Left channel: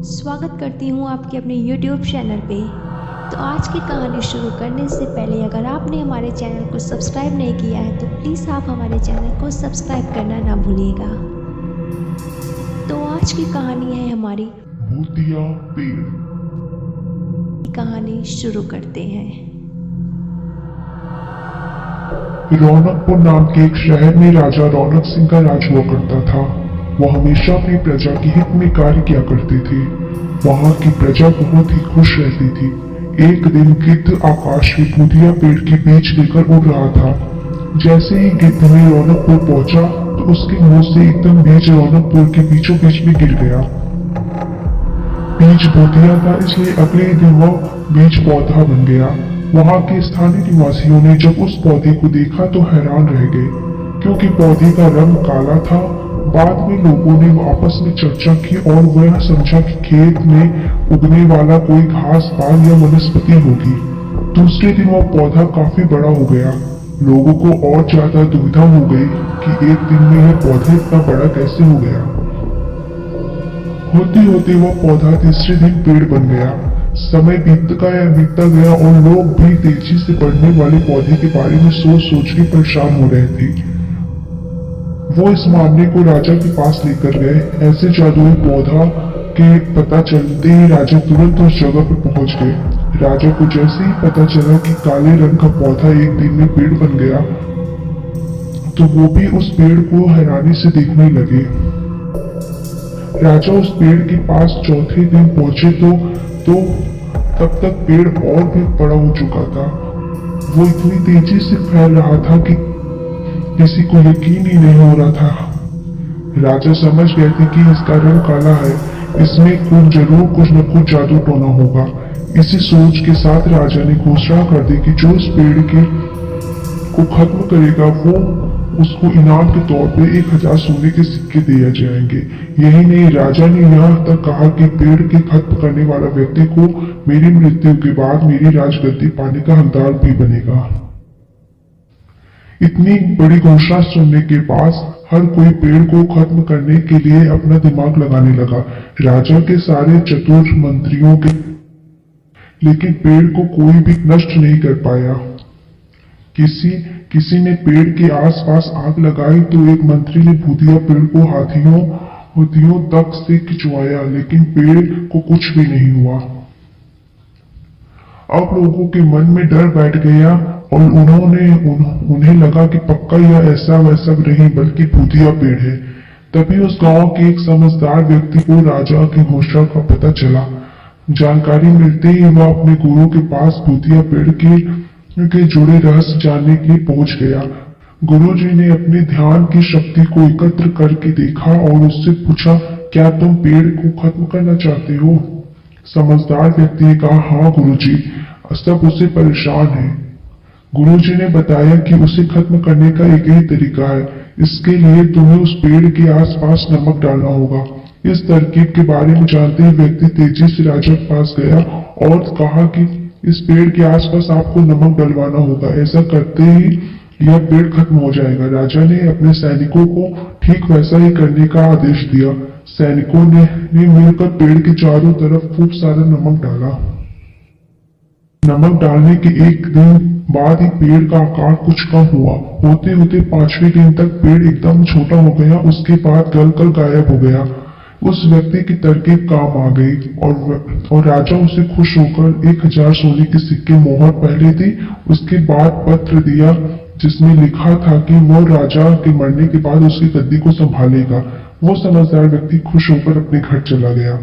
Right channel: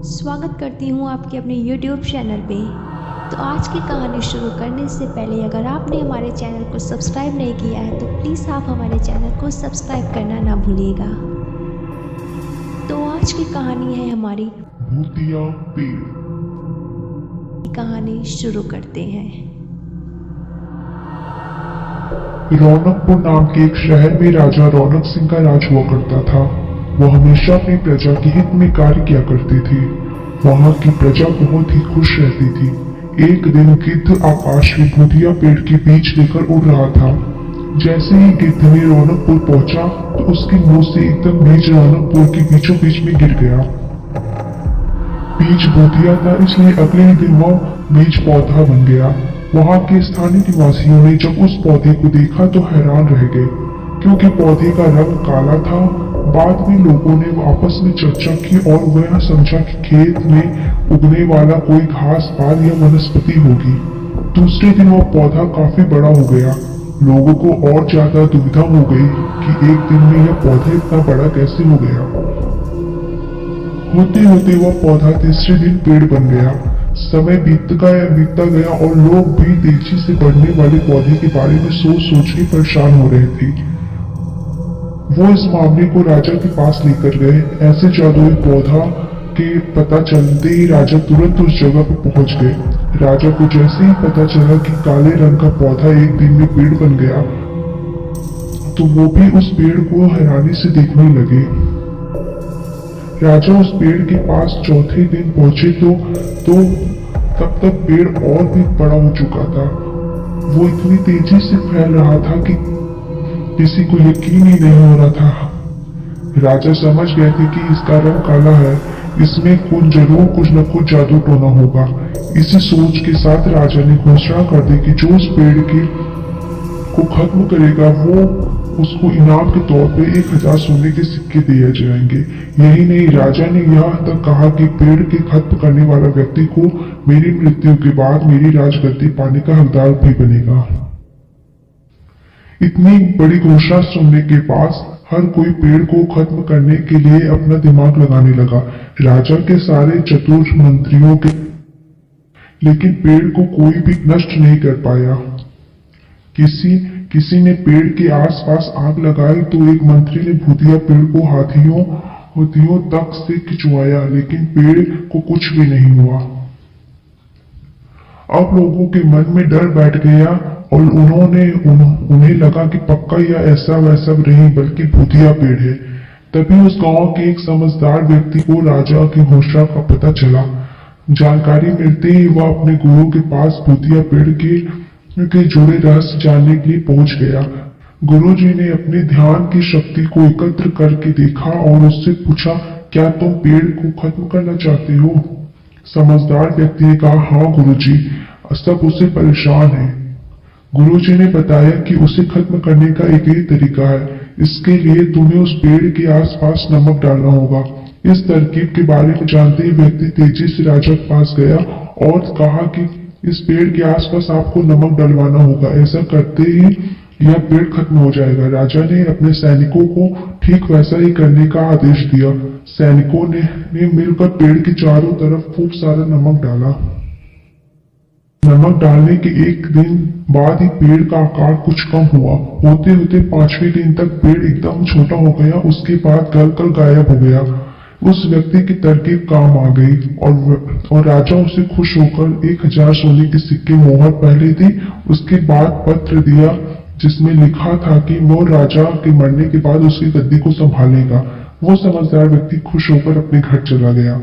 स्वागत करती हूँ आपके अपने YouTube चैनल पे। तो आज की कहानी शुरू करने से पहले अगर आपने हमारे चैनल को सब्सक्राइब नहीं किया है तो प्लीज़ आप हमारे चैनल को सब्सक्राइब करना ना भूलिएगा। तो आज की कहानी है हमारी भूतिया पेड़। कहानी शुरू करते हैं। रौनकपुर नाम के एक शहर में राजा रौनक सिंह का राज हुआ करता था। वह हमेशा अपनी प्रजा के हित में कार्य किया करते थे। वहां की प्रजा बहुत ही खुश रहती थी। एक दिन गिद्ध आकाश में भूतिया पेड़ के बीज लेकर उड़ रहा था। जैसे ही गिद्ध में रौनकपुर पहुंचा तो उसके मुंह से एकदम बीज रौनकपुर के बीचों बीच में गिर गया। बीज भूतिया था, इसलिए अगले ही दिन वह बीज पौधा बन गया। वहां के स्थानीय निवासियों ने जब उस पौधे को देखा तो हैरान रह गए, क्योंकि पौधे का रंग काला था। बाद में लोगों ने आपस में चर्चा की और वह समझा कि खेत में उगने वाला कोई घास पात या वनस्पति होगी। दूसरे दिन वह पौधा काफी बड़ा हो गया। लोगों को और ज्यादा दुविधा हो गई कि एक दिन में यह पौधा इतना बड़ा कैसे हो गया। होते होते वह पौधा तीसरे दिन पेड़ बन गया। समय बीतता गया और लोग भी तेजी से बढ़ने वाले पौधे के बारे में सोच सोच के परेशान हो रहे थे। वो इस मामले को राजा के पास लेकर गए। ऐसे जादुई पौधा के पता चलते ही राजा तुरंत उस जगह पर पहुंच गए। राजा को जैसे ही पता चला कि काले रंग का पौधा एक दिन में पेड़ बन गया तो वो भी उस पेड़ को हैरानी से देखने लगे। राजा उस पेड़ के पास चौथे दिन पहुंचे तो तब तक पेड़ और भी बड़ा हो चुका था। वो इतनी तेजी से फैल रहा था कि किसी को यकीन ही नहीं हो रहा था। राजा समझ गए थे कि इसका रंग काला है, इसमें जरूर कुछ न कुछ जादू टोना होगा। इसी सोच के साथ राजा ने घोषणा कर दी कि जो इस पेड़ को खत्म करेगा वो उसको इनाम के तौर पे 1000 सोने के सिक्के दिए जाएंगे। यही नहीं, राजा ने यह तक कहा कि पेड़ के खत्म करने वाला व्यक्ति को मेरी मृत्यु के बाद मेरी राजगद्दी पाने का हकदार भी बनेगा। इतनी बड़ी घोषणा सुनने के बाद हर कोई पेड़ को खत्म करने के लिए अपना दिमाग लगाने लगा। राजा के सारे चतुर मंत्रियों के, लेकिन पेड़ को कोई भी नष्ट नहीं कर पाया। किसी ने पेड़ के आसपास आग लगाई तो एक मंत्री ने भूतिया पेड़ को हाथियों तक से खिंचवाया, लेकिन पेड़ को कुछ भी नहीं हुआ। अब लोगों के मन में डर बैठ गया और उन्हें लगा कि पक्का यह ऐसा वैसा नहीं बल्कि भूतिया पेड़ है। तभी उस गांव के एक समझदार व्यक्ति को राजा की घोषणा का पता चला। जानकारी मिलते ही वह अपने गुरु के पास भूतिया पेड़ के जुड़े रहस्य जानने के लिए पहुंच गया। गुरुजी ने अपने ध्यान की शक्ति को एकत्र करके देखा और उससे पूछा, क्या तुम पेड़ को खत्म करना चाहते हो? समझदार व्यक्ति ने कहा, हाँ गुरुजी, सब उसे परेशान है। गुरुजी ने बताया कि उसे खत्म करने का एक ही तरीका है। इसके लिए तुम्हें उस पेड़ के आसपास नमक डालना होगा। इस तरकीब के बारे में जानते ही व्यक्ति तेजी से राजा के पास गया और कहा कि इस पेड़ के आसपास आपको नमक डलवाना होगा। ऐसा करते ही यह पेड़ खत्म हो जाएगा। राजा ने अपने सैनिकों को ठीक वैसा ही करने का आदेश दिया। सैनिकों ने मिलकर पेड़ के चारों तरफ खूब सारा नमक डाला। नमक डालने के एक दिन बाद ही पेड़ का आकार कुछ कम हुआ। होते होते 5वें दिन तक पेड़ एकदम छोटा हो गया। उसके बाद गलकर गायब हो गया। उस व्यक्ति की तरकीब काम आ गई और राजा उसे खुश होकर 1000 सोने के सिक्के मोहर पहले दी। उसके बाद पत्र दिया जिसमें लिखा था कि वह राजा के मरने के बाद उसकी गद्दी को संभालेगा। वो समझदार व्यक्ति खुश होकर अपने घर चला गया।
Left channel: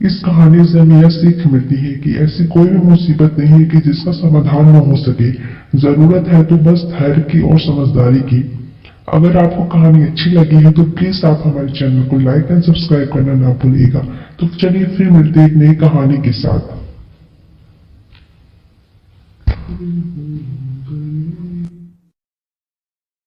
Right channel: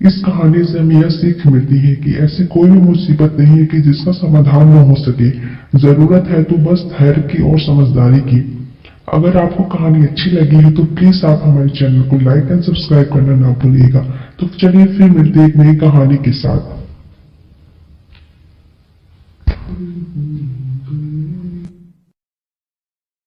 इस कहानी से हमें यह सीख मिलती है कि ऐसी कोई भी मुसीबत नहीं है कि जिसका समाधान न हो सके। जरूरत है तो बस धैर्य की और समझदारी की। अगर आपको कहानी अच्छी लगी है तो प्लीज आप हमारे चैनल को लाइक एंड सब्सक्राइब करना ना भूलिएगा। तो चलिए फिर मिलते हैं एक नई कहानी के साथ।